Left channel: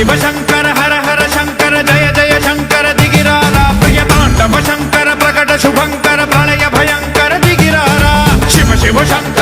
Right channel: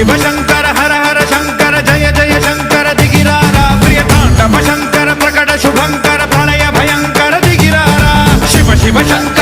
शिव शंकर हर हर शंकर जय जय शंकर दिगिरारा प्रिय तांडव शंकर प्रकट शुभंकर प्रलय भयंकर दिगिरारा शिव शिव शंकर